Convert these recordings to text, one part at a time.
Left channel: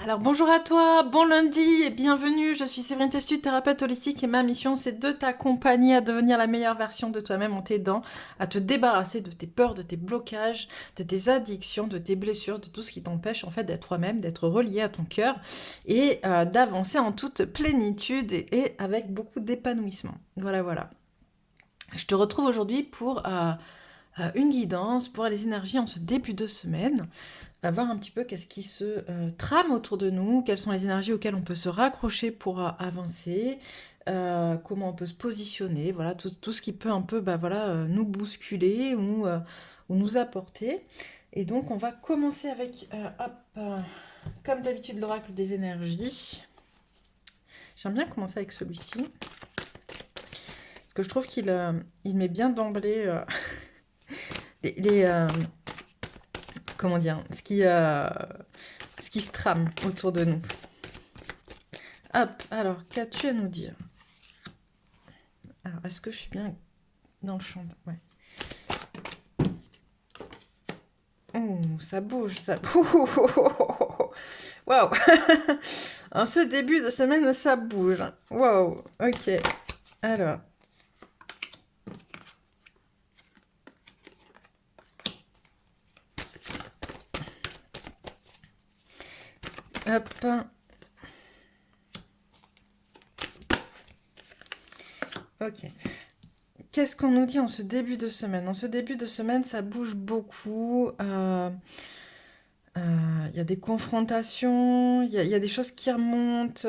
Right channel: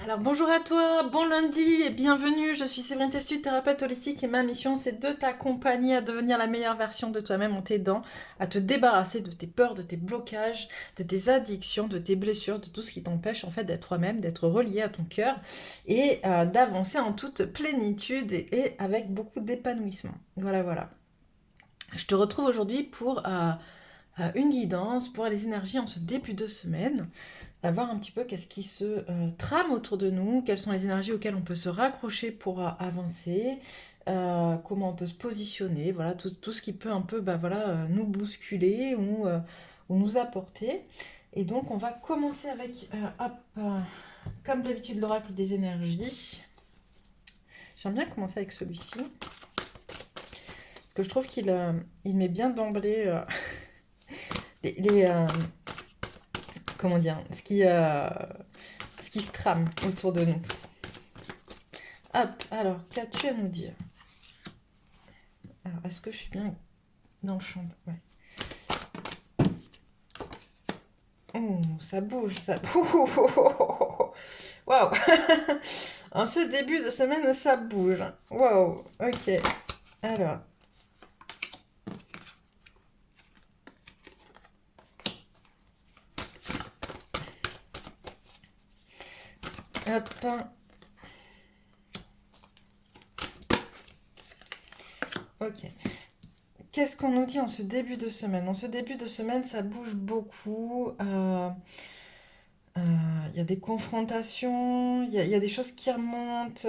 Alors bonjour à toi, bon lundi et bienvenue, je suis Séverine Testu, thérapeute holistique et ma mission c'est de t'accompagner à devenir la meilleure version de toi-même en t'aidant à te débarrasser de tes peurs, de tes blocages, de tes addictions, de tes blessures, de tout ce qui t'empêche en fait d'être toi-même, d'être relié à ton cœur et d'avancer en toute plénitude et avec beaucoup d'épanouissement. Voilà, voilà. Je te retrouve aujourd'hui pour une guidance pour les énergies en ce début de semaine à voir un petit peu qu'est-ce qui se trame autour de nous, quelles sont les énergies auxquelles on peut se raccrocher pour avancer, comment on peut se positionner, voilà, tout ce qui peut un peu bah, voilà, nous bousculer ou nous apporter. Et donc on va commencer avec, hop, comme d'habitude, l'oracle des énergies. J'aime bien commencer avec celui-ci, parce que je trouve qu'il met bien d'emblée les, comment dire, ce qui se trame autour de nous. Hop, alors, qu'as-tu à nous dire? Alors, est-ce que je suis bien dans le champ? Ouais. Oh, ça bouge, ça... Waouh. En ce début de semaine, ça bouge. Waouh, ok. Alors, hop. Ok. Qu'est-ce qu'on nous dit en ce début de semaine? En ce début de semaine, ça bouge beaucoup. Il y a des confrontations, il y a des choses qui remontent.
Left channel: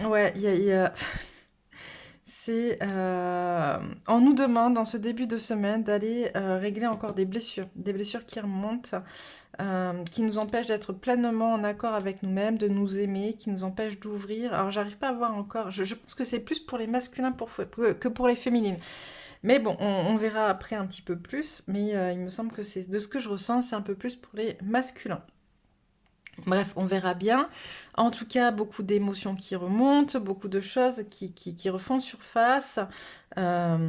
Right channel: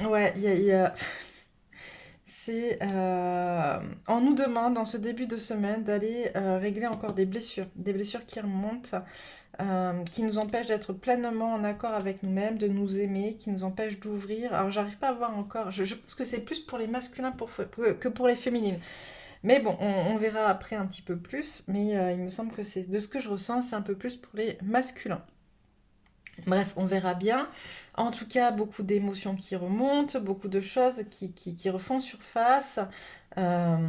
Ouais, c'est, on nous demande en ce début de semaine d'aller régler encore des blessures qui remontent, qui nous empêchent d'être pleinement en accord avec nous-mêmes, de nous aimer, qui nous empêchent d'ouvrir. Alors j'arrive pas à voir encore, je pense que c'est plus pour les masculins que pour les féminines. Mais bon, on verra après un petit peu plus, mais il me semble que c'est de ce que je ressens, c'est un peu plus pour les masculins. Bref, on verra bien. En tout cas, beaucoup d'émotions qui remontent, beaucoup de choses qui refont surface, euh,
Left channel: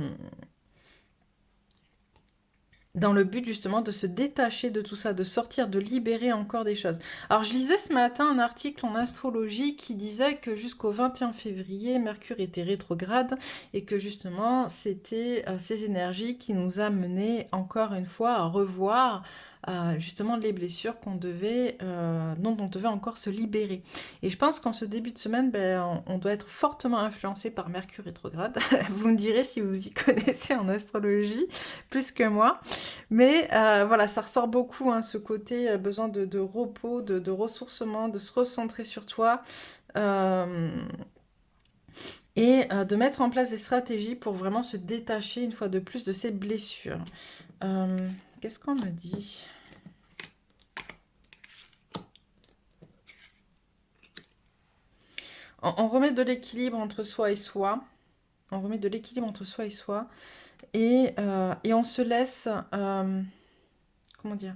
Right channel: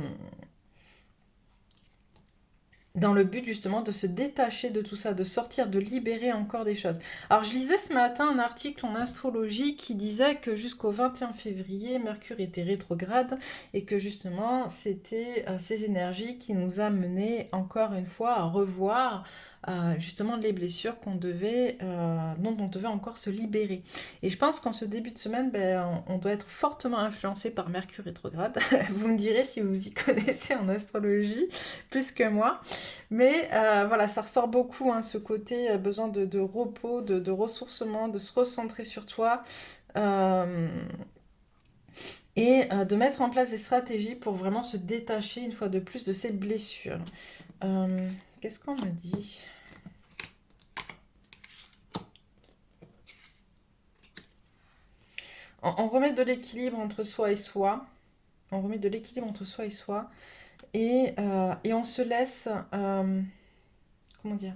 dans le but justement de se détacher de tout ça, de sortir, de libérer encore des choses. Alors, je lisais ce matin un article en astrologie qui disait que jusqu'au 21 février, Mercure était rétrograde et que justement, c'était ces énergies qui nous amenaient encore une fois à revoir justement les blessures dont on devait encore se libérer. Et je pense qu'en ce début de semaine, ben, on doit être fortement influencé par Mercure rétrograde. Vous me direz si vous y connaissez en astrologie plus que moi. Mais voilà, ça ressort beaucoup, hein, ce côté besoin de repos, de ressourcement, de se recentrer sur toi. euh, et de mettre en place des stratégies pour vraiment se détacher une fois de plus de ces blessures. Euh, Qu'est-ce qu'on me dit? On remet de l'équilibre entre soi et soi. On remet de l'équilibre entre soi et soi. Et on se laisse... comment dire?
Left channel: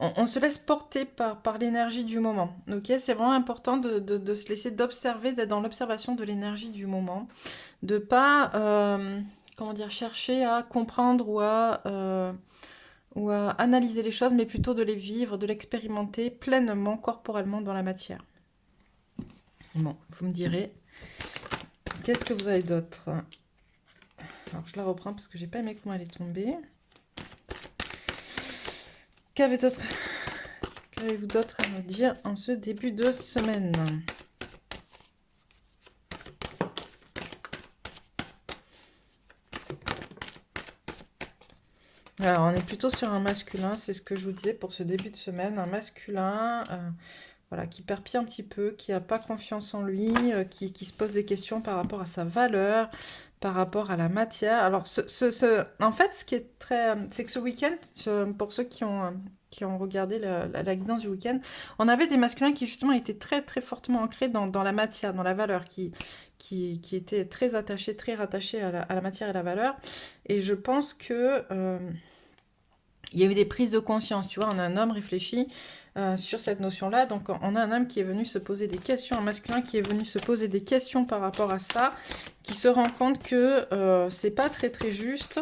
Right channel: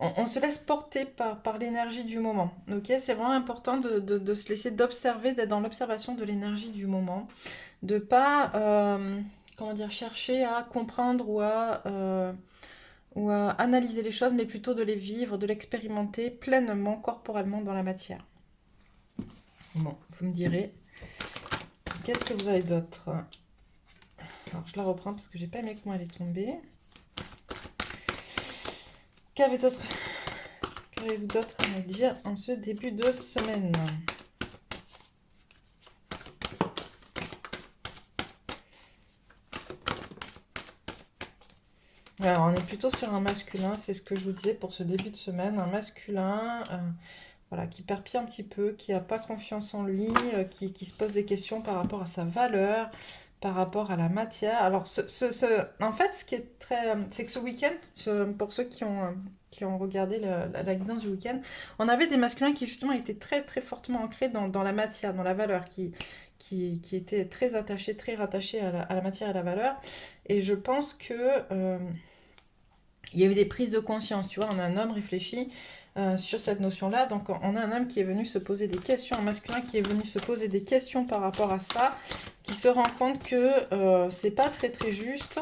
On se laisse porter par l'énergie du moment. Ok, c'est vraiment important de se laisser d'observer, d'être dans l'observation de l'énergie du moment, de pas comment dire, chercher à comprendre ou à analyser les choses, mais plutôt de les vivre, de l'expérimenter pleinement, corporellement dans la matière. Bon, vous me direz, qu'est-ce que vous avez d'autre? Alors je la reprends parce que j'ai pas aimé comment elle est tombée. Qu'avez-vous d'autre à me dire en ce début de semaine? Alors, on est plutôt sur un masculin, c'est ce que je vous disais pour ce début de semaine, un masculin voilà, qui perpille un petit peu, qui n'a pas confiance en lui, qui se pose des questions par rapport à sa valeur, par rapport à la matière. Alors, en fait, ce qui est très... c'est que ce week-end, pour ceux qui ont regardé la guidance du week-end, on avait des masculins qui justement étaient très très fortement ancrés dans la matière, dans la valeur, qui étaient très attachés, très rattachés à la matière et à la valeur. Et je pense que... il y a eu des prises de conscience, tu vois, on a un homme réfléchi sur cette notion-là, donc on a un homme qui est venu se poser des questions, un masculin qui est venu se poser des questions par rapport à ça, qui se rend compte que c'est pas très très juste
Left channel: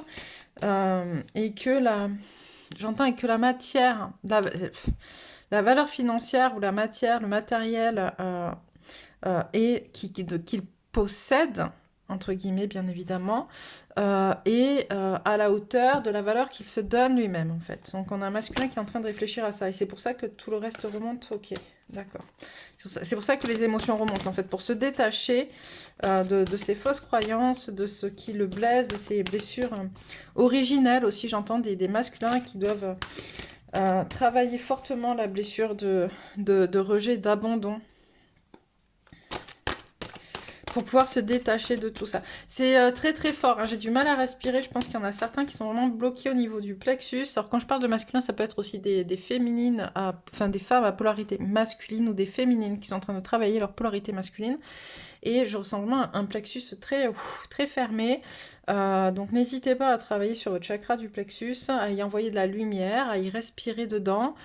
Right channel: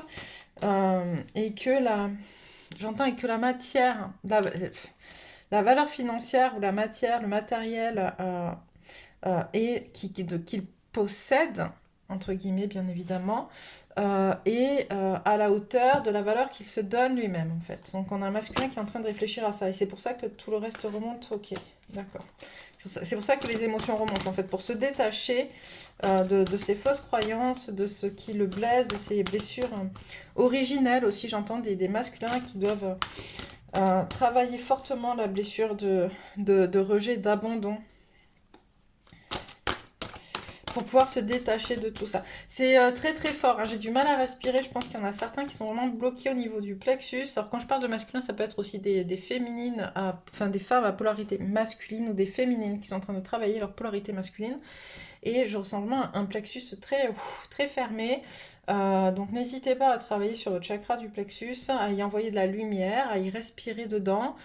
et que j'entends avec que la matière, la valeur financière ou la matière, le matériel et qu'il possède, entre guillemets bien évidemment, et à la hauteur de la valeur qu'il se donne lui-même en fait. Donc on a un masculin qui est en train de réfléchir à ça et c'est pour ça que tout le reste remonte. Ok, d'accord. C'est pour ça que les émotions remontent en fait, pour se détacher de ces fausses croyances, de ce qui le blesse, de ces blessures originelles aussi. J'entends des masculins qui doivent travailler fortement la blessure de rejet, d'abandon, pour pouvoir se détacher de tout ça. C'est très très fort, hein. J'ai du mal à respirer, je pense qu'il y en a certains qui sont vraiment bloqués au niveau du plexus. Alors quand je parle de masculin, ça peut être aussi des féminines, enfin des femmes à polarité masculine ou des féminines qui sont en train de travailler leur polarité masculine. Et je ressens vraiment un plexus très fermé. Donc n'hésitez pas à travailler sur votre chakra du plexus, à y envoyer de la lumière, à y respirer dedans.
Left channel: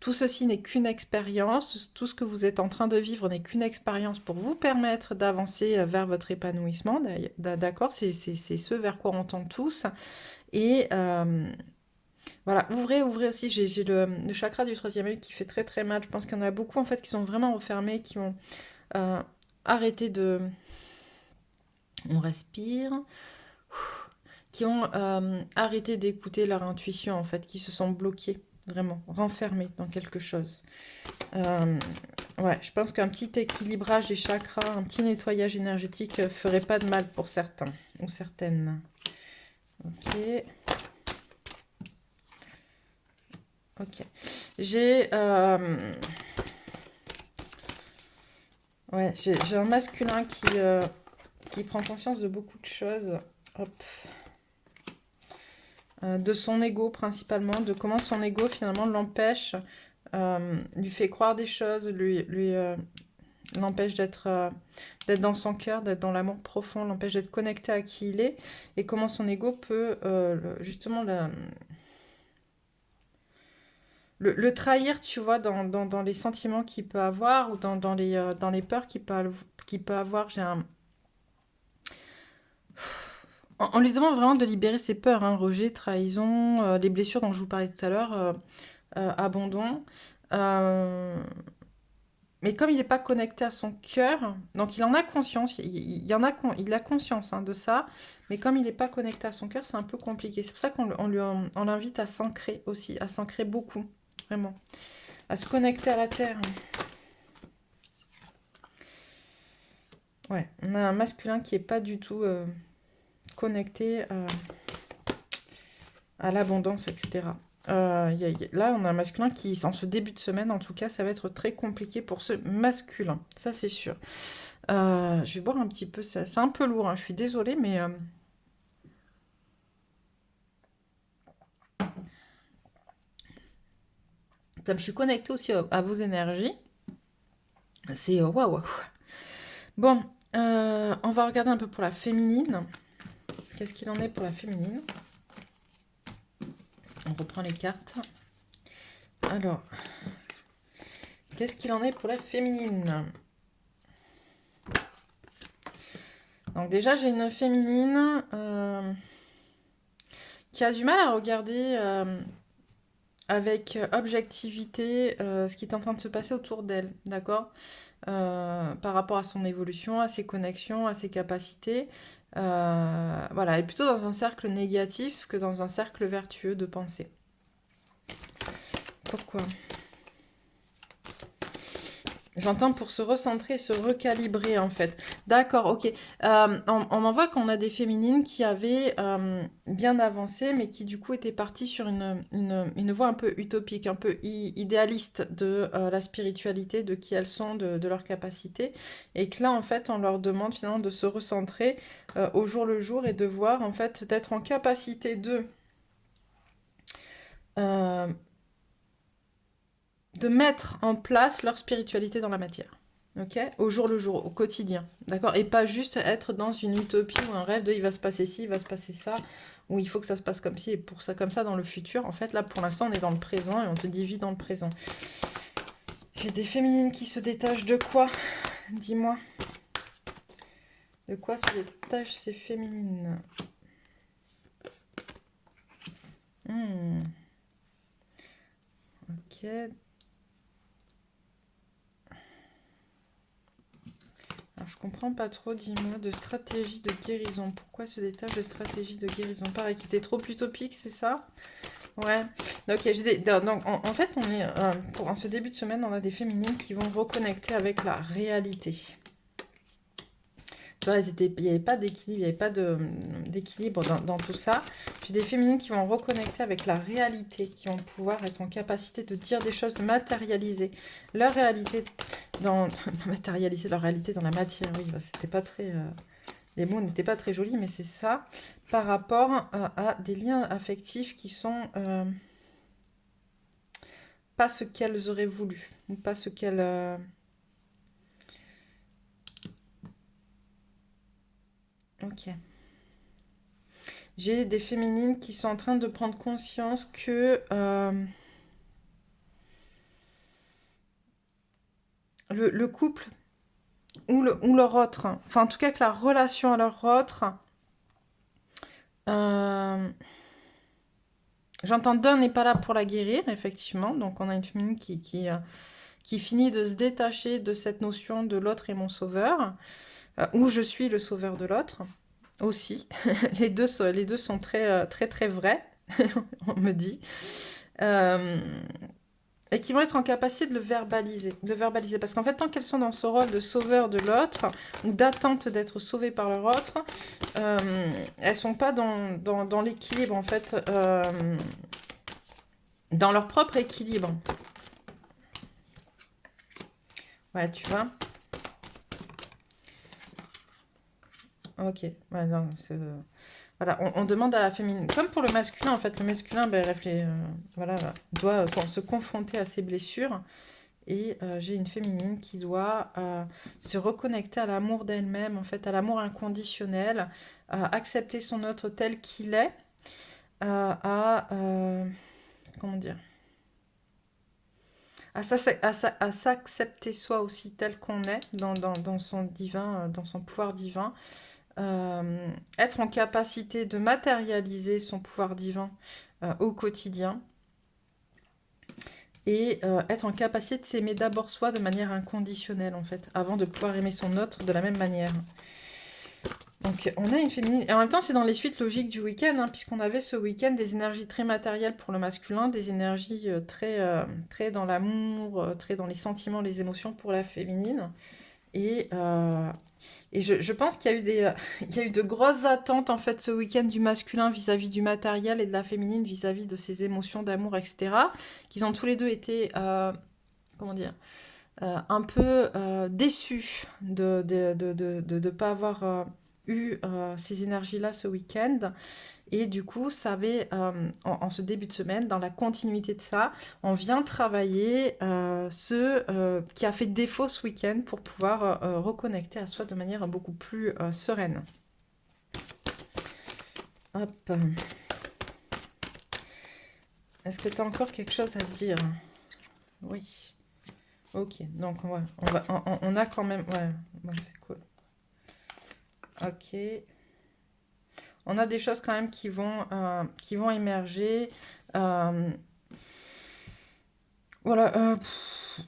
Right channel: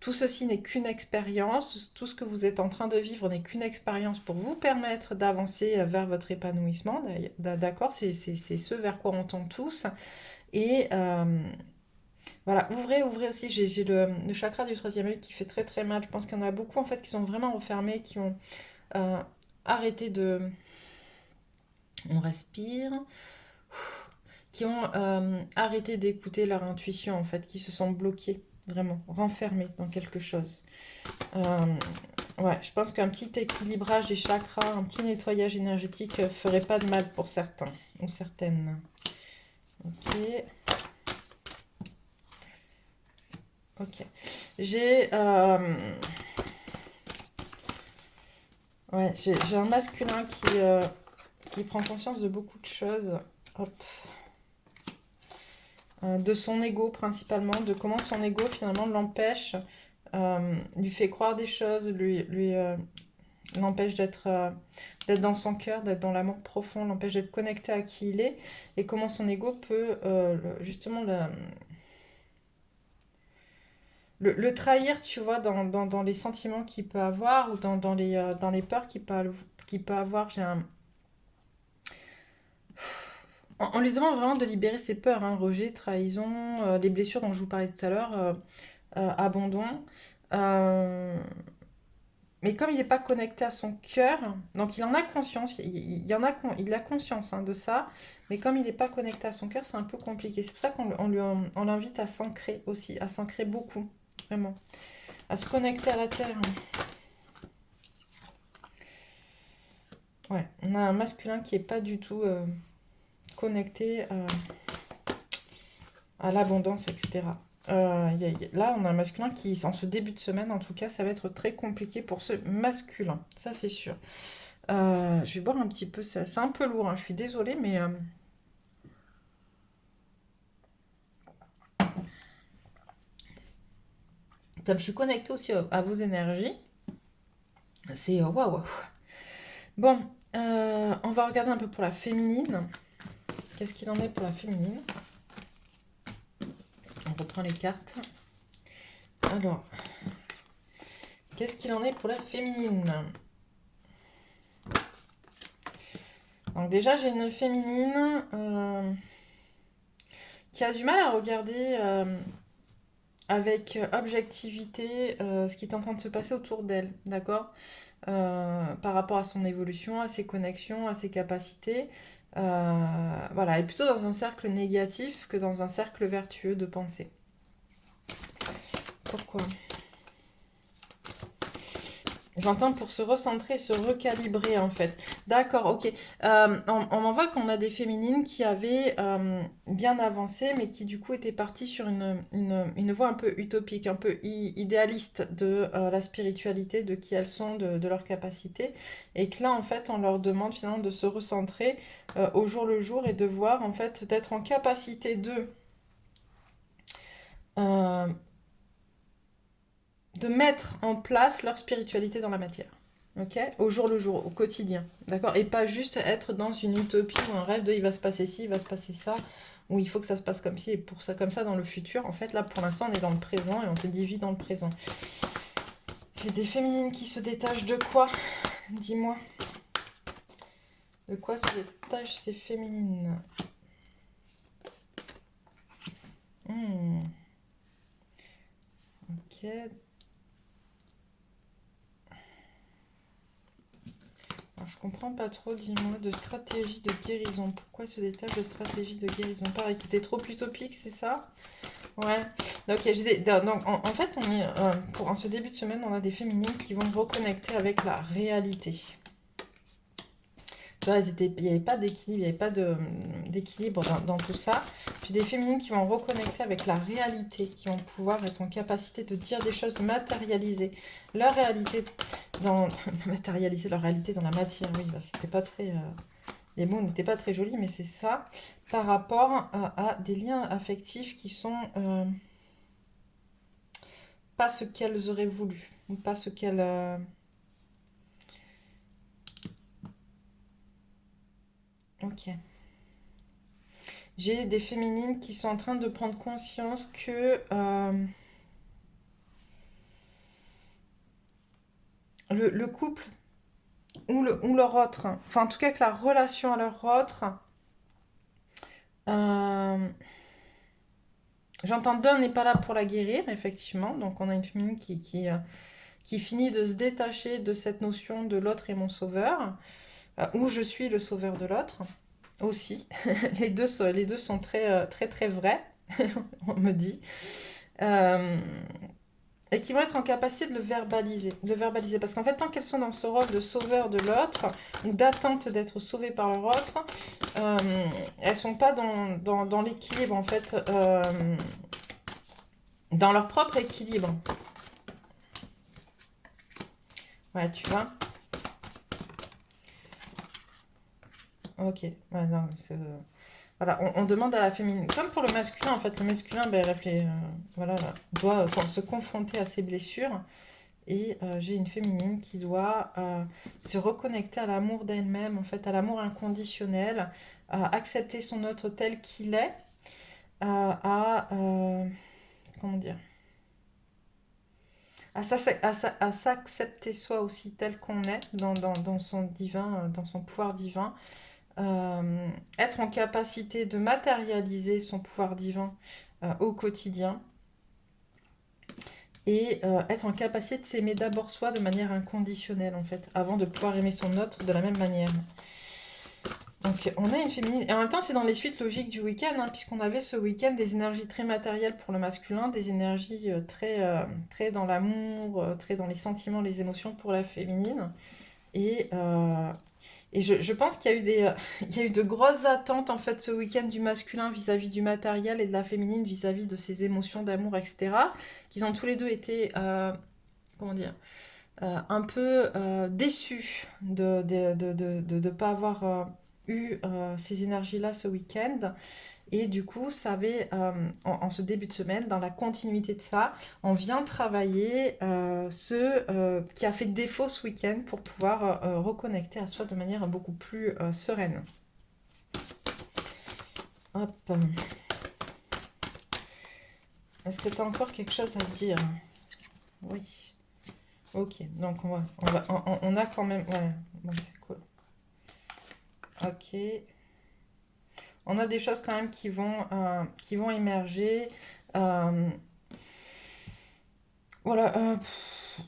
Tout ceci n'est qu'une expérience, tout ce que vous êtes en train de vivre n'est qu'une expérience pour vous permettre d'avancer vers votre épanouissement, d'accord? C'est ce vers quoi on tend tous. Et voilà, ouvrez aussi, j'ai le chakra du troisième œil qui fait très très mal. Je pense qu'il y en a beaucoup en fait qui sont vraiment refermés, qui ont euh, arrêté de... On respire, qui ont arrêté d'écouter leur intuition en fait, qui se sont bloqués, vraiment, renfermés dans quelque chose. Ouais, je pense qu'un petit équilibrage des chakras, un petit nettoyage énergétique ferait pas de mal pour certains ou certaines. Ok. Ok. J'ai un masculin qui prend conscience de beaucoup de choses. Hop. De son ego principalement, de comment son ego finalement l'empêche, lui fait croire des choses, l'empêche d'être dans son cœur, d'être dans l'amour profond, l'empêche d'être connecté à qui il est, et comment son ego peut justement le trahir, tu vois, dans les sentiments qu'il peut avoir ou dans les peurs qu'il peut avoir. On lui demande vraiment de libérer ses peurs, hein, rejet, trahison, les blessures dont je vous parlais tout à l'heure, abandon. Euh, mais comme il n'est pas connecté à son cœur, donc il en a conscience, il a conscience hein, de ça, mais comme il n'est pas connecté à son cœur, c'est un peu compliqué. C'est pour ça on l'invite à s'ancrer aussi, à s'ancrer beaucoup, vraiment, à se connecter à la terre. Ouais, on a un masculin qui n'est pas du tout connecté à l'abondance, etc. Là, on a un masculin qui, en ce début de semaine, en tout cas, ça va être très compliqué pour ce masculin. Ça, c'est sûr. Je vais boire un petit peu. C'est un peu lourd, hein, je suis désolée, mais comme je suis connectée aussi à vos énergies, c'est waouh. Bon, on va regarder un peu pour la féminine. Qu'est-ce qu'il en est pour la féminine? On reprend les cartes. Alors, qu'est-ce qu'il en est pour la féminine? Donc déjà, j'ai une féminine qui a du mal à regarder avec objectivité ce qui est en train de se passer autour d'elle, d'accord? Par rapport à son évolution, à ses connexions, à ses capacités. Voilà, elle est plutôt dans un cercle négatif que dans un cercle vertueux de pensée. Pourquoi? J'entends pour se recentrer, se recalibrer en fait. D'accord, ok. On en voit qu'on a des féminines qui avaient bien avancé, mais qui du coup étaient parties sur une voie un peu utopique, un peu idéaliste de la spiritualité, de qui elles sont, de leurs capacités. Et que là, en fait, on leur demande finalement de se recentrer au jour le jour et de voir, en fait, d'être en capacité euh, de mettre en place leur spiritualité dans la matière. Ok, au jour le jour, au quotidien, d'accord? Et pas juste être dans une utopie ou un rêve de il va se passer ci, il va se passer ça, ou il faut que ça se passe comme ci et pour ça comme ça dans le futur. En fait, là pour l'instant, on est dans le présent et on te dit vis dans le présent. J'ai des féminines qui se détachent de quoi? Dis-moi. De quoi se détachent ces féminines? Ok. Alors, je comprends pas trop, dis-moi, de stratégie de guérison. Pourquoi ce détail de stratégie de guérison? Pareil, qui était trop utopique, c'est ça? Ouais. Donc, en fait, on est, en ce début de semaine, on a des féminines qui vont reconnecter avec la réalité. Tu vois, il n'y avait pas d'équilibre, il n'y avait pas d'équilibre dans tout ça. J'ai des féminines qui vont reconnecter avec la réalité, qui vont pouvoir être en capacité de dire des choses, de matérialiser leur réalité matérialiser leur réalité dans la matière. Oui, bah, c'était pas très... les mots n'étaient pas très jolis, mais c'est ça, par rapport à des liens affectifs qui sont pas ce qu'elles auraient voulu, ou pas ce qu'elles... Ok. J'ai des féminines qui sont en train de prendre conscience que le couple ou leur autre, enfin en tout cas que la relation à leur autre, j'entends d'un n'est pas là pour la guérir, effectivement, donc on a une féminine qui finit de se détacher de cette notion de l'autre est mon sauveur, ou je suis le sauveur de l'autre, aussi. Les deux sont très, très, très vrais, on me dit. Et qui vont être en capacité de le verbaliser. Parce qu'en fait, tant qu'elles sont dans ce rôle de sauveur de l'autre, ou d'attente d'être sauvées par leur autre, elles sont pas dans l'équilibre, en fait, dans leur propre équilibre. Ouais, tu vois. Ok, ouais, non, voilà, on demande à la féminine, comme pour le masculin, en fait, le masculin ben, voilà, doit se confronter à ses blessures. Et j'ai une féminine qui doit se reconnecter à l'amour d'elle-même, en fait, à l'amour inconditionnel, à accepter son autre tel qu'il est, comment dire, à s'accepter soi aussi tel qu'on est, dans son divin, dans son pouvoir divin, être en capacité de matérialiser son pouvoir divin au quotidien et être en capacité de s'aimer d'abord soi de manière inconditionnelle en fait, avant de pouvoir aimer son autre de la même manière. Donc on a une féminine, et en même temps c'est dans les suites logiques du week-end, hein, puisqu'on avait ce week-end des énergies très matérielles pour le masculin, des énergies très dans l'amour, très dans les sentiments, les émotions pour la féminine. Et, euh, et je pense qu'il y a eu il y a eu de grosses attentes en fait ce week-end du masculin vis-à-vis du matériel et de la féminine vis-à-vis de ses émotions d'amour, etc. Qu'ils ont tous les deux été, comment dire, un peu déçus de pas avoir eu ces énergies-là ce week-end. Et du coup, ça avait, en ce début de semaine, dans la continuité de ça, on vient travailler ce qui a fait défaut ce week-end pour pouvoir reconnecter à soi de manière beaucoup plus sereine. Hop. Est-ce que tu as encore quelque chose à dire? Oui. Ok, donc on a quand même... Ouais, bon, c'est cool. Ok. On a des choses quand même qui vont émerger. Euh, voilà,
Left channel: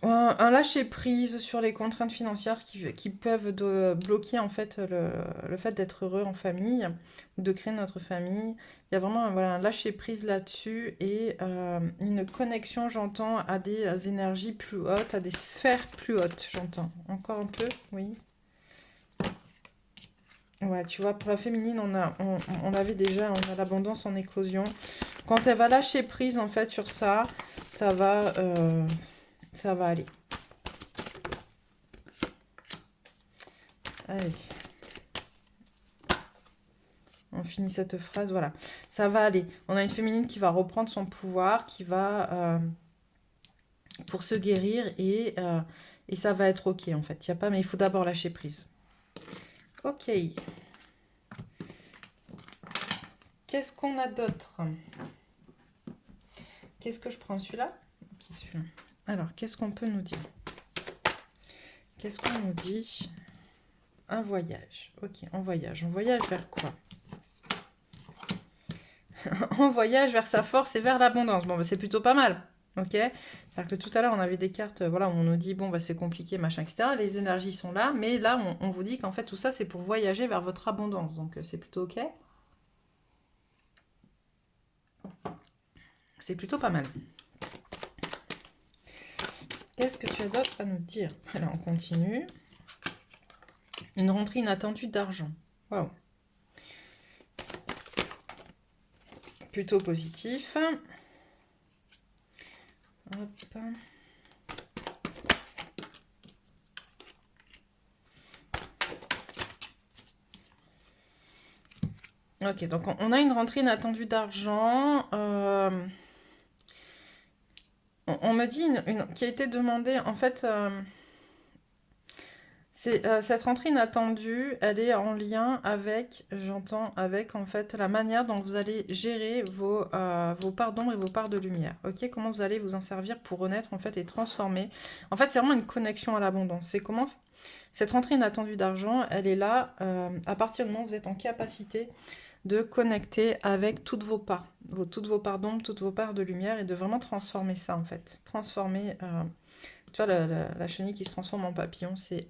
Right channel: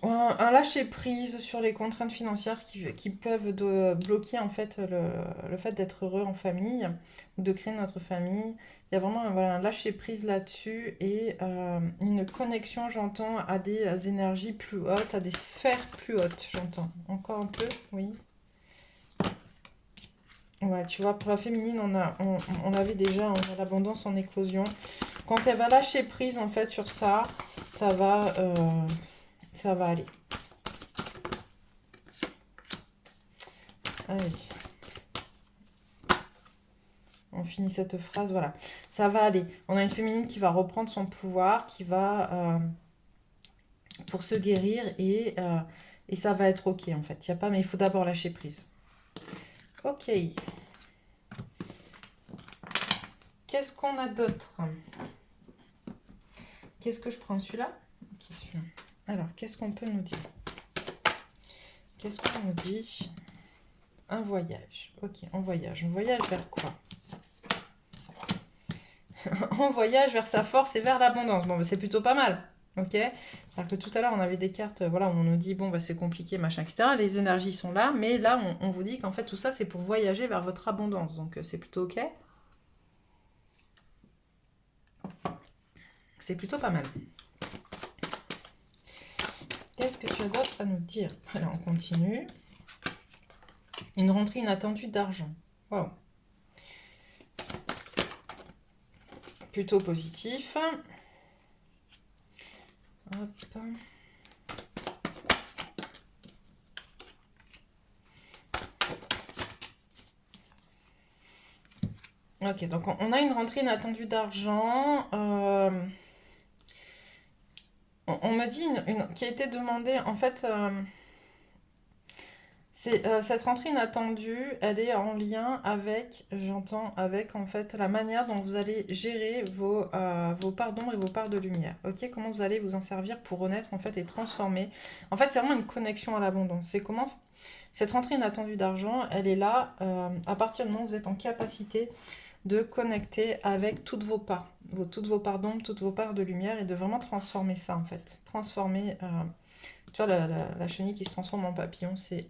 un lâcher-prise sur les contraintes financières qui peuvent bloquer en fait le fait d'être heureux en famille, ou de créer notre famille. Il y a vraiment voilà, un lâcher-prise là-dessus et une connexion, j'entends, à des énergies plus hautes, à des sphères plus hautes, j'entends. Encore un peu, oui. Ouais, tu vois, pour la féminine, on avait déjà on a l'abondance en éclosion. Quand elle va lâcher prise en fait sur ça, ça va, euh, ça va aller. Allez. On finit cette phrase, voilà. Ça va aller. On a une féminine qui va reprendre son pouvoir, qui va pour se guérir et ça va être ok en fait. Il y a pas, mais il faut d'abord lâcher prise. Ok. Qu'est-ce qu'on a d'autre? Qu'est-ce que je prends celui-là? Ok, celui-là. Alors, qu'est-ce qu'on peut nous dire? Qu'est-ce qu'on nous dit? Un voyage. Ok, on voyage. On voyage vers quoi? On voyage vers sa force et vers l'abondance. Bon, bah, c'est plutôt pas mal. Ok? C'est-à-dire que tout à l'heure, on avait des cartes, voilà, où on nous dit, bon, bah, c'est compliqué, machin, etc. Les énergies sont là, mais là, on vous dit qu'en fait, tout ça, c'est pour voyager vers votre abondance. Donc, c'est plutôt ok. C'est plutôt pas mal. Qu'est-ce que tu as d'autre à nous dire? Alors, on continue. Une rentrée inattendue d'argent. Waouh. Plutôt positif. Hop. Ok, donc on a une rentrée inattendue d'argent. On me dit qui a été demandée, en fait, cette rentrée inattendue, elle est en lien avec, j'entends, avec en fait la manière dont vous allez gérer vos parts d'ombre et vos parts de lumière. Ok, comment vous allez vous en servir pour renaître en fait et transformer. En fait, c'est vraiment une connexion à l'abondance. C'est comment cette rentrée inattendue d'argent, elle est là à partir du moment où vous êtes en capacité de connecter avec toutes vos parts, toutes vos parts d'ombre, toutes vos parts de lumière et de vraiment transformer ça en fait. Transformer, tu vois, la chenille qui se transforme en papillon, c'est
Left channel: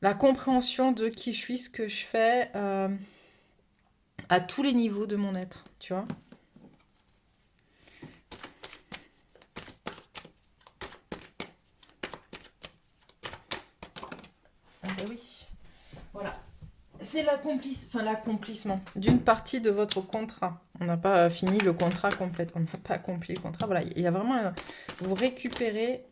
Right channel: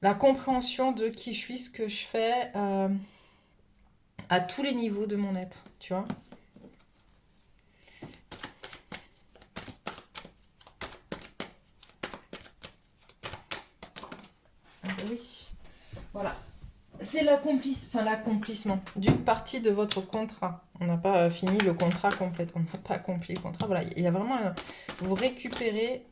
la compréhension de qui je suis, ce que je fais à tous les niveaux de mon être, tu vois. Ah bah oui, voilà. C'est l'accomplissement d'une partie de votre contrat. On n'a pas fini le contrat complète, on n'a pas accompli le contrat. Voilà, il y a vraiment vous récupérez,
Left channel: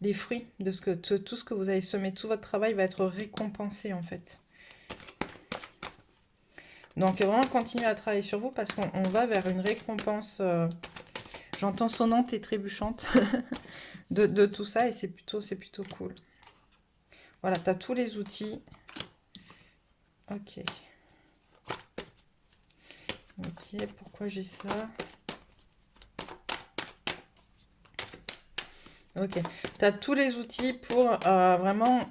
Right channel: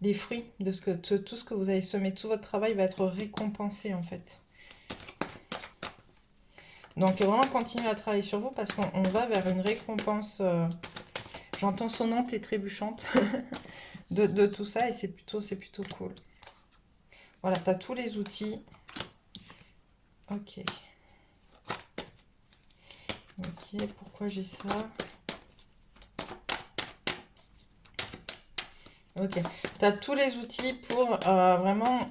les fruits de tout ce que vous avez semé, tout votre travail va être récompensé en fait. Donc vraiment continuez à travailler sur vous parce qu'on va vers une récompense, j'entends sonnante et trébuchante de tout ça et c'est plutôt cool. Voilà, tu as tous les outils. Ok. Ok, pourquoi j'ai ça? Ok, tu as tous les outils pour vraiment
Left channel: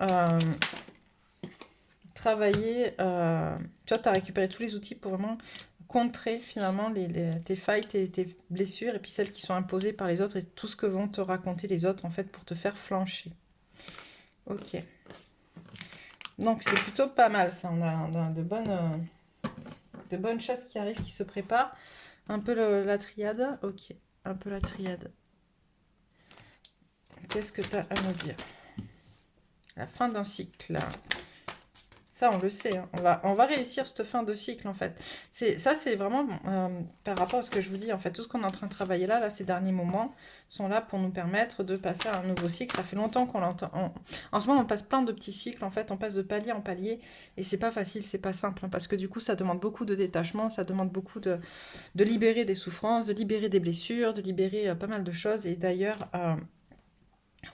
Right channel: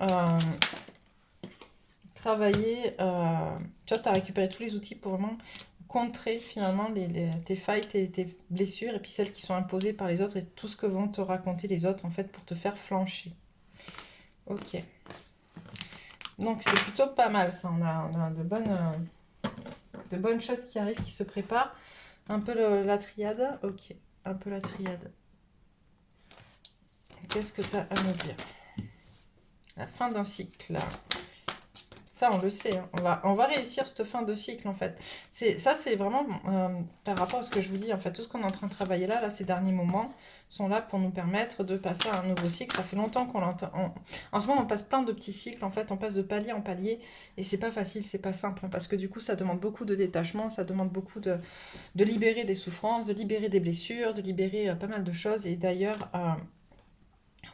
travailler. Tu vois, tu as récupéré tous les outils pour vraiment contrer finalement tes failles, tes blessures et puis celles qui sont imposées par les autres et tout ce que vont te raconter les autres en fait pour te faire flancher. Ok. Donc c'est plutôt pas mal ça. On a de bonnes choses qui arrivent, qui se préparent. Un peu la triade. Ok, un peu la triade. Qu'est-ce que tu as à me dire? La fin d'un cycle. Ça, on le sait. Hein. On va réussir cette fin de cycle, en fait. Ça, c'est vraiment par rapport à ce que je vous dis. En fait, tout ce qu'on est en train de travailler là, ces derniers moments, sont là pour nous permettre de passer à un nouveau cycle. Ça fait longtemps qu'on l'entend. En ce moment, on passe plein de petits cycles. En fait, on passe de palier en palier. Et c'est pas facile, c'est pas simple. Hein, parce que du coup, ça demande beaucoup de détachement. Ça demande beaucoup de libérer des souffrances, de libérer des blessures, de libérer pas mal de choses. Et d'ailleurs...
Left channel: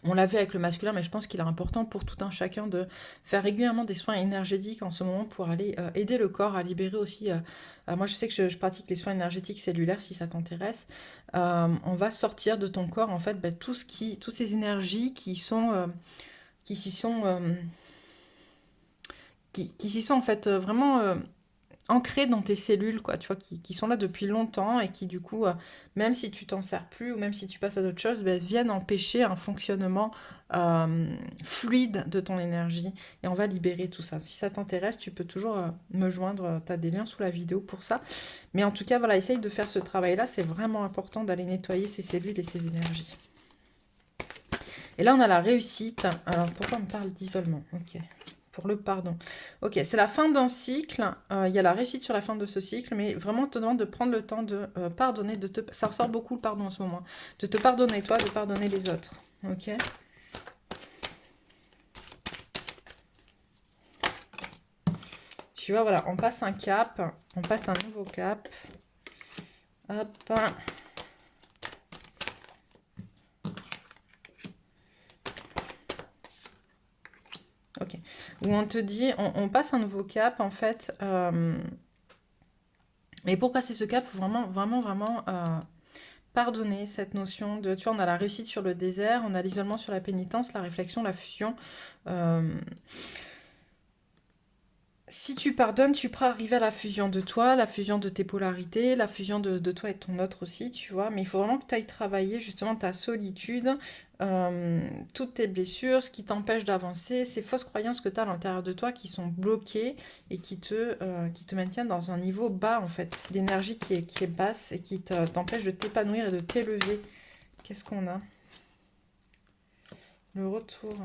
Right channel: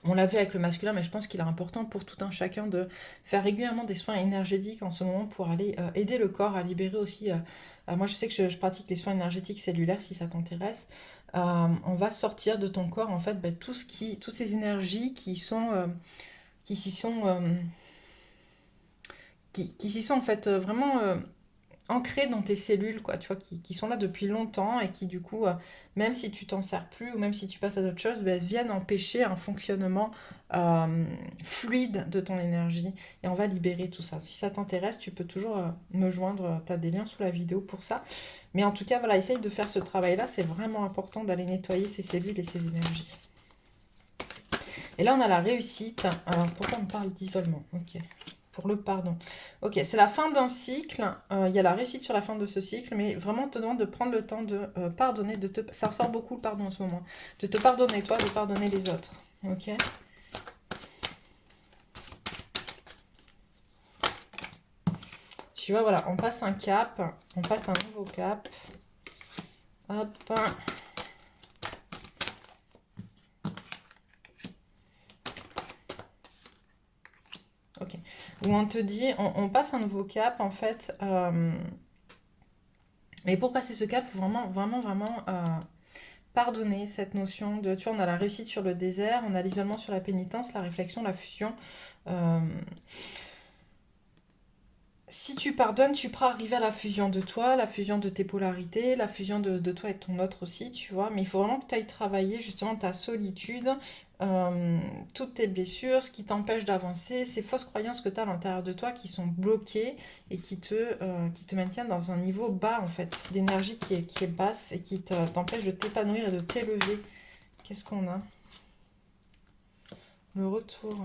on l'a vu avec le masculin, mais je pense qu'il est important pour tout un chacun de faire régulièrement des soins énergétiques en ce moment pour aller aider le corps à libérer aussi. Moi, je sais que je pratique les soins énergétiques cellulaires si ça t'intéresse. On va sortir de ton corps en fait toutes ces énergies qui s'y sont, qui s'y sont en fait vraiment ancrés dans tes cellules, quoi, tu vois, qui sont là depuis longtemps et qui, du coup, même si tu t'en sers plus ou même si tu passes à d'autres choses, ben, viennent empêcher un fonctionnement fluide de ton énergie. Et on va libérer tout ça. Si ça t'intéresse, tu peux toujours me joindre. Tu as des liens sous la vidéo pour ça. Mais en tout cas, voilà, essaye de faire ce travail-là. C'est vraiment important d'aller nettoyer ces cellules et ces énergies. Et là, on a la réussite. Alors, pourquoi on parle d'isolement? Ok. Pour le pardon. Ok, c'est la fin d'un cycle. Il y a la réussite sur la fin de ce cycle, mais vraiment, on te demande de prendre le temps de pardonner, ça ressort beaucoup le pardon en ce moment. De te pardonner toi, de pardonner les autres. Ok. Tu vois, voilà, on passe un cap, on passe un nouveau cap. Hop. Ok. Où on te dit, on passe un nouveau cap, en fait. Mais pour passer ce cap, il faut vraiment pardonner cette notion de, tu vois, on a la réussite sur le désert, on a l'isolement sur la pénitence, la réflexion, la fusion. Euh, si tu pardonnes, tu pourras arriver à la fusion de toi, la fusion de tes polarités, la fusion de toi et ton autre aussi, tu vois. Mais il faut vraiment que tu ailles travailler justement ta solitude, euh, toutes tes blessures, ce qui t'empêche d'avancer, ces fausses croyances que tu as à l'intérieur de toi qui sont bloquées et qui te maintiennent dans un niveau bas en fait, d'énergie qui est basse et qui t'empêche de t'épanouir et de t'élever. Qu'est-ce qu'on a? Le retour.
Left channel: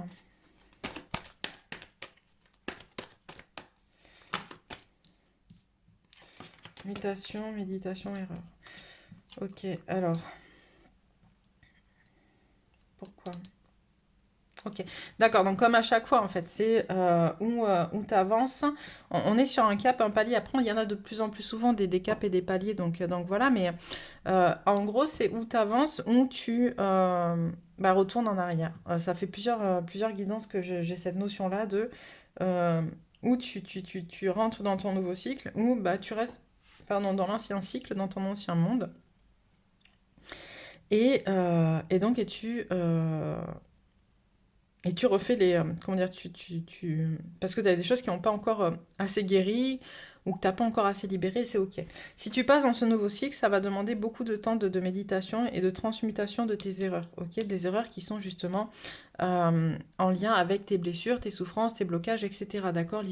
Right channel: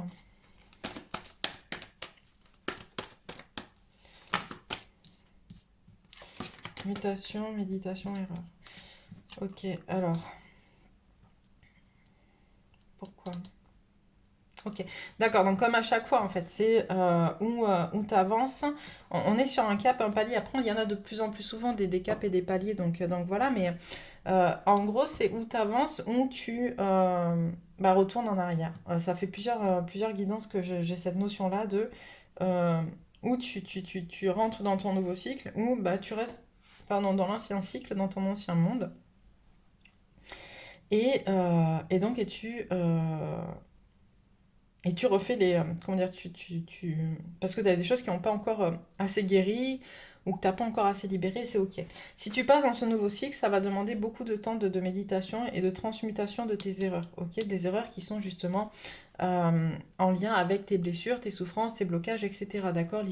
Mutation, méditation, erreur. Ok, alors, pourquoi? Ok, d'accord, donc comme à chaque fois, en fait, c'est où tu avances. On est sur un cap, un palier. Après, il y en a de plus en plus souvent des caps et des paliers, donc voilà. Mais en gros, c'est où tu avances, où tu retournes en arrière. Ça fait plusieurs guidances que j'ai cette notion-là de euh, où tu rentres dans ton nouveau cycle, où bah, tu restes pardon, dans l'ancien cycle, dans ton ancien monde. Et donc, et tu refais les. Comment dire parce que tu as des choses qui n'ont pas encore assez guéri ou que tu n'as pas encore assez libéré, c'est ok. Si tu passes dans ce nouveau cycle, ça va demander beaucoup de temps de méditation et de transmutation de tes erreurs, ok? Des erreurs qui sont justement en lien avec tes blessures, tes souffrances, tes blocages, etc. D'accord?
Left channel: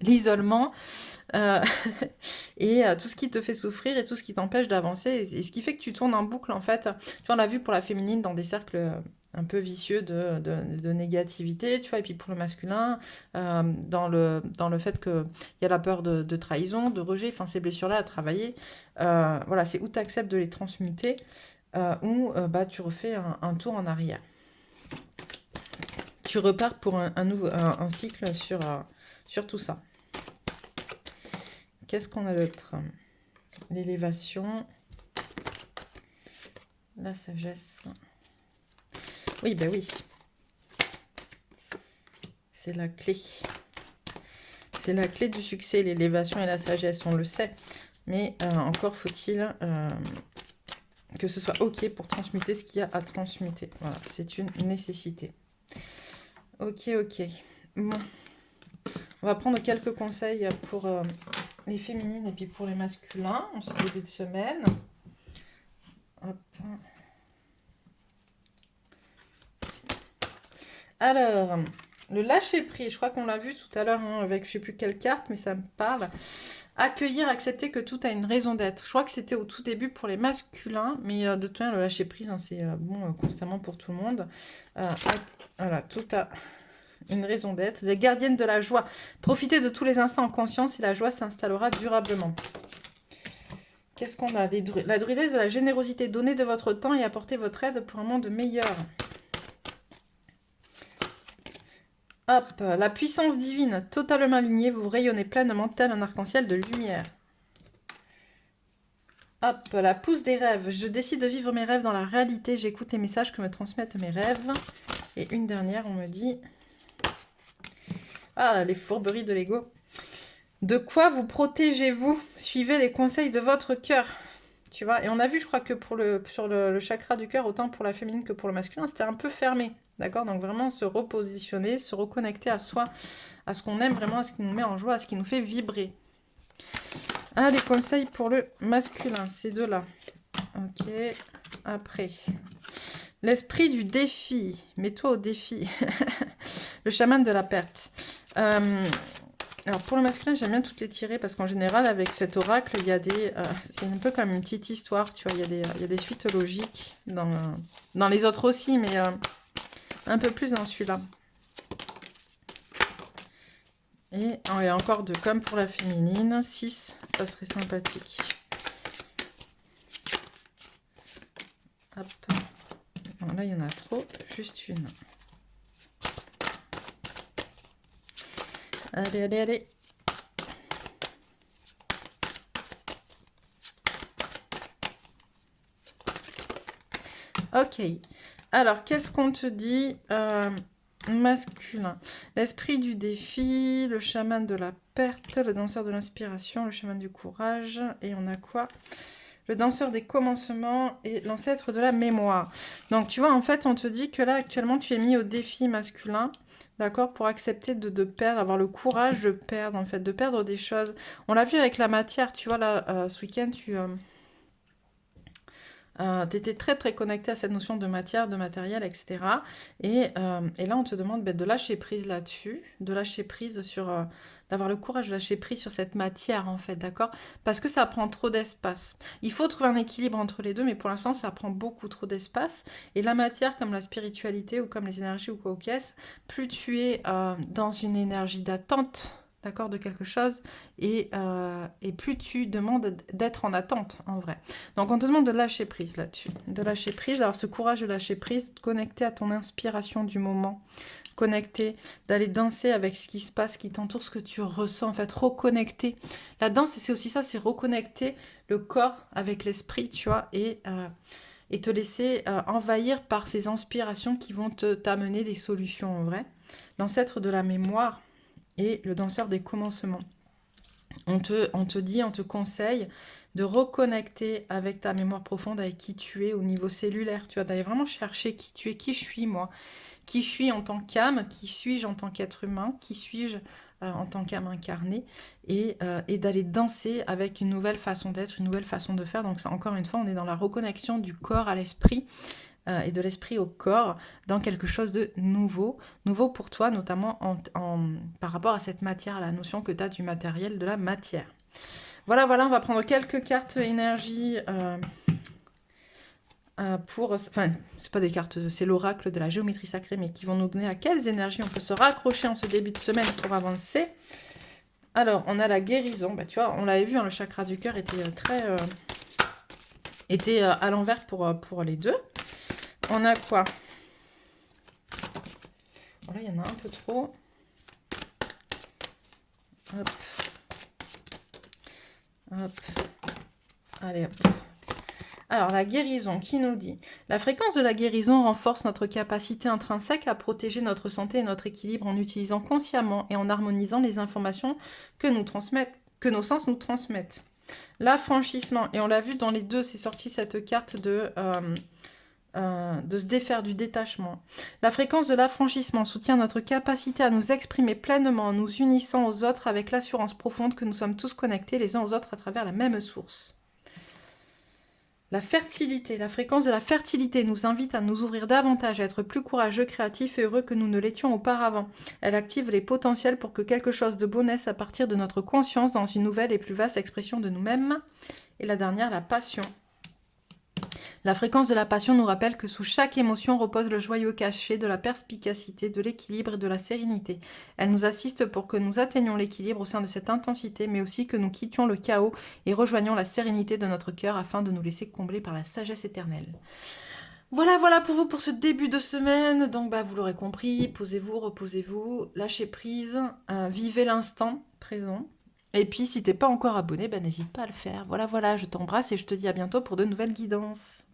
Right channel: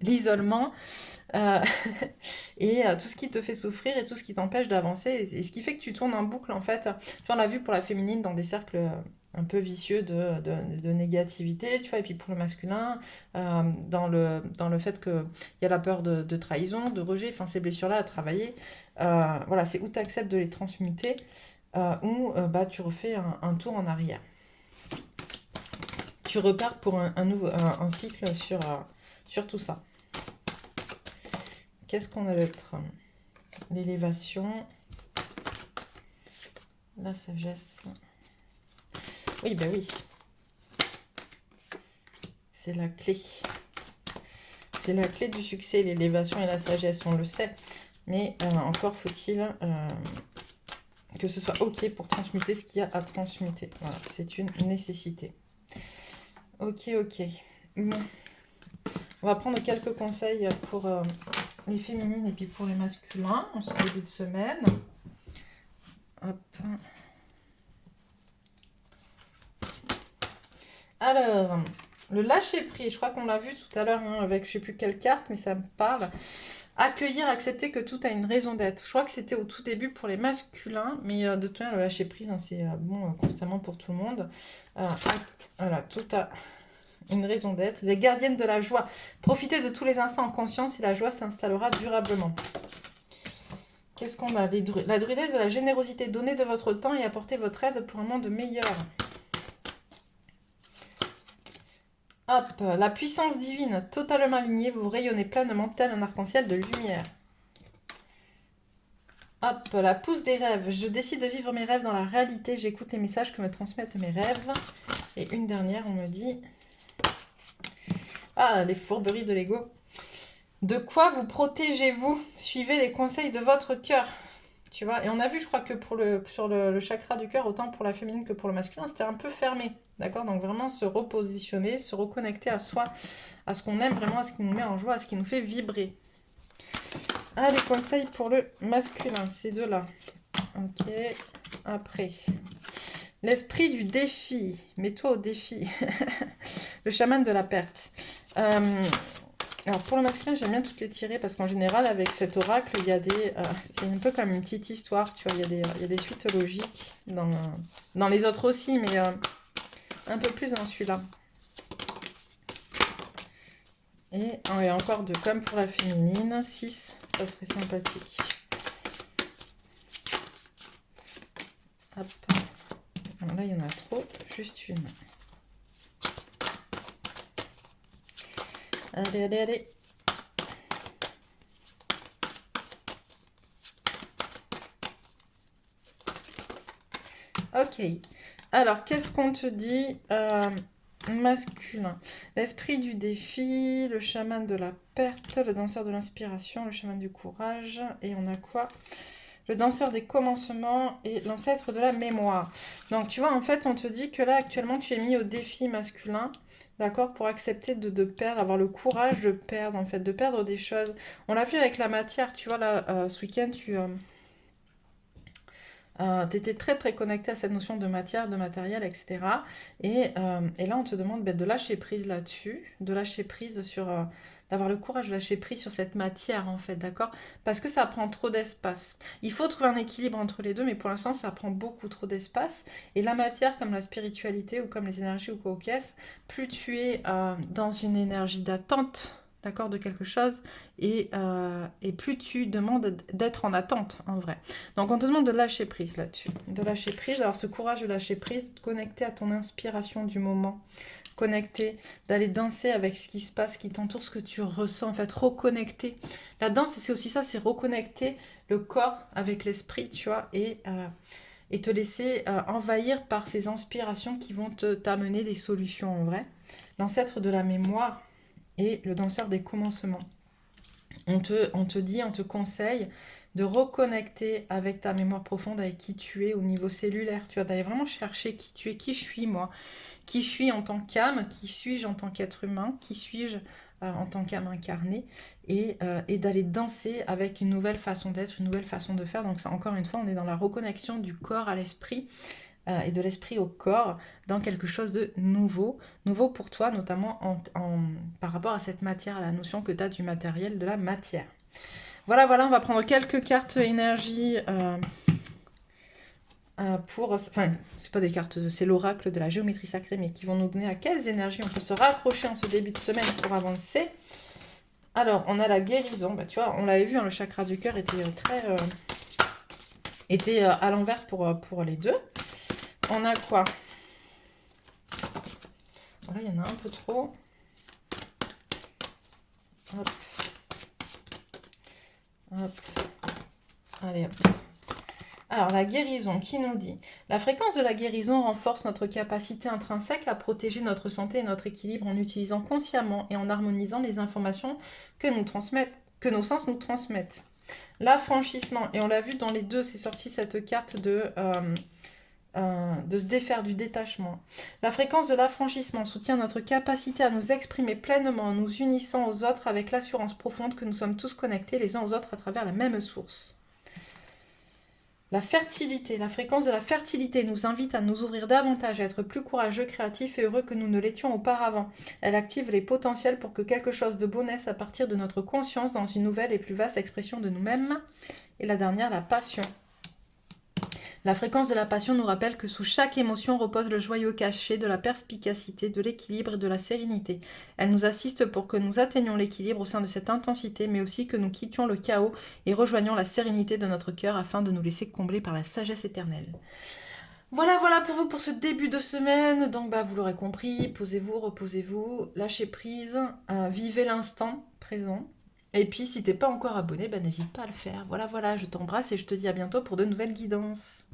L'isolement, euh, et tout ce qui te fait souffrir et tout ce qui t'empêche d'avancer et ce qui fait que tu tournes en boucle en fait. Tu vois, on l'a vu pour la féminine dans des cercles un peu vicieux de négativité, tu vois, et puis pour le masculin, dans le fait qu'il y a la peur de trahison, de rejet, enfin ces blessures-là à travailler, voilà, c'est où tu acceptes de les transmuter, ou bah, tu refais un tour en arrière. Tu repars pour un cycle sur tout ça. Qu'est-ce qu'on a d'autre? L'élévation, la sagesse. Oui, bah oui. C'est la clé. C'est la clé du succès, l'élévation et la sagesse, on le sait. Mais encore faut-il que ce soit OK pour transmuter ce qu'il y a à transmuter. Voilà, c'est une nécessité. Ok, ok. Bon, on va prendre quelques conseils pour les féminines et puis pour les masculins en ce début de semaine. Hop. Alors, le lâcher prise, je crois qu'on l'a vu tout à l'heure hein, avec je sais plus quelle carte, mais ça me parle. Accueillir, accepter que tout a une raison d'être. Je crois que c'était au tout début pour les masculins, mais de toute manière, le lâcher prise, hein, c'est bon constamment pour tout le monde. Voilà, tout a une raison d'être. Les gardiennes de la joie. Profitez de tous les instants en conscience et la joie s'installera durablement. Qu'est-ce qu'on a? La druidesse de la générosité. Donnez de votre temps et apportez votre aide pour un monde meilleur. Hop, la puissance divine, totalement alignée, vous rayonnez pleinement tel un arc-en-ciel de lumière. Hop, la pousse des rêves, je décide de vivre mes rêves dans la réalité, j'écoute les messages que me transmettent mes rêves. Et une dernière, on me dit... Ah, les fourberies de l'ego. De quoi vous protégez-vous? Suivez les conseils de votre cœur. Tu vois, et on a vu, je crois que sur le chakra du cœur, autant pour la féminine que pour le masculin, c'était un peu fermé. D'accord? Donc vraiment se repositionner, se reconnecter à soi, à ce qu'on aime vraiment, à ce qui nous met en joie, à ce qui nous fait vibrer. Ah, les conseils pour le masculin, ces deux-là. Ok, après. L'esprit du défi. Mets-toi au défi. Le chaman de la perte. Alors pour le masculin, j'aime bien toutes les tirer parce qu'en général, avec cet oracle, il y a des... c'est un peu comme une petite histoire, tu vois. Il y a des suites logiques dans les autres aussi, mais un peu plus dans celui-là. Et encore deux, comme pour la féminine, 6, ça serait sympathique. Hop. Alors là, il y en a trop, juste une. Allez, allez, allez. Ok. Alors, qu'est-ce qu'on te dit masculin. L'esprit du défi, le chaman de la perte, le danseur de l'inspiration, le chaman du courage. Et on a quoi? le danseur des commencements et l'ancêtre de la mémoire. Donc, tu vois, en fait, on te dit que là, actuellement, tu es mis au défi masculin, d'accord, pour accepter de perdre, avoir le courage de perdre, en fait, de perdre des choses. On l'a vu avec la matière, tu vois, là, ce week-end, tu étais très, très connecté à cette notion de matière, de matériel, etc. Et là, on te demande de lâcher prise là-dessus, de lâcher prise sur... d'avoir le courage de lâcher prise sur cette matière, en fait, d'accord? Parce que ça prend trop d'espace. Il faut trouver un équilibre entre les deux, mais pour l'instant, ça prend beaucoup trop d'espace. Et la matière, comme la spiritualité ou comme les énergies ou quoi au caisse, plus tu es dans une énergie d'attente, d'accord, de quelque chose, et plus tu demandes d'être en attente, en vrai. Donc, on te demande de lâcher prise là-dessus. De lâcher prise, avoir ce courage de lâcher prise, de te connecter à ton inspiration du moment, connecter, d'aller danser avec ce qui se passe, ce qui t'entoure, ce que tu ressens, en fait, reconnecter. La danse, c'est aussi ça, c'est reconnecter le corps avec l'esprit, tu vois, et te laisser envahir par ces inspirations qui vont t'amener les solutions, en vrai. L'ancêtre de la mémoire et le danseur des commencements. On te dit, on te conseille de reconnecter avec ta mémoire profonde, avec qui tu es au niveau cellulaire. Tu vois, d'aller vraiment chercher qui tu es, qui je suis moi, qui je suis en tant qu'âme, qui suis-je en tant qu'être humain, qui suis-je en tant qu'âme incarnée, et d'aller danser avec une nouvelle façon d'être, une nouvelle façon de faire. Donc ça, encore une fois, on est dans la reconnexion du corps à l'esprit, et de l'esprit au corps, dans quelque chose de nouveau, nouveau pour toi, notamment par rapport à cette matière, à la notion que tu as du matériel, de la matière. Voilà, voilà, on va prendre quelques cartes énergie pour... Enfin, c'est pas des cartes, c'est l'oracle de la géométrie sacrée, mais qui vont nous donner à quelles énergies on peut se raccrocher en ce début de semaine pour avancer. Alors, on a la guérison. Bah, tu vois, on l'avait vu, hein, le chakra du cœur était était à l'envers pour les deux. On a quoi? Voilà, il y en a un peu trop. Hop. Hop. Allez, hop. Alors, la guérison, qui nous dit? La fréquence de la guérison renforce notre capacité intrinsèque à protéger notre santé et notre équilibre en utilisant consciemment et en harmonisant les informations que nos sens nous transmettent. L'affranchissement, et on l'a vu dans les deux, c'est sorti cette carte de se défaire du détachement. La fréquence de l'affranchissement soutient notre capacité à nous exprimer pleinement en nous unissant aux autres avec l'assurance profonde que nous sommes tous connectés les uns aux autres à travers la même source. La fertilité, la fréquence de la fertilité nous invite à nous ouvrir davantage, à être plus courageux, créatifs et heureux que nous ne l'étions auparavant. Elle active les potentiels pour que quelque chose de beau naisse à partir de notre conscience dans une nouvelle et plus vaste expression de nous-mêmes. Et la dernière, la passion. La fréquence de la passion nous rappelle que sous chaque émotion repose le joyeux cachet de la perspicacité, de l'équilibre et de la sérénité. Elle nous assiste pour que nous atteignions l'équilibre au sein de cette intensité, mais aussi que nous quittions le chaos et rejoignions la sérénité de notre cœur afin de nous laisser combler par la sagesse éternelle. Voilà, voilà pour vous pour ce début de semaine. Donc, vous l'aurez compris, posez-vous, reposez-vous, lâchez prise, vivez l'instant présent. Et puis, si t'es pas encore abonné, n'hésite pas à le faire. Voilà, voilà, je t'embrasse et je te dis à bientôt pour de nouvelles guidances.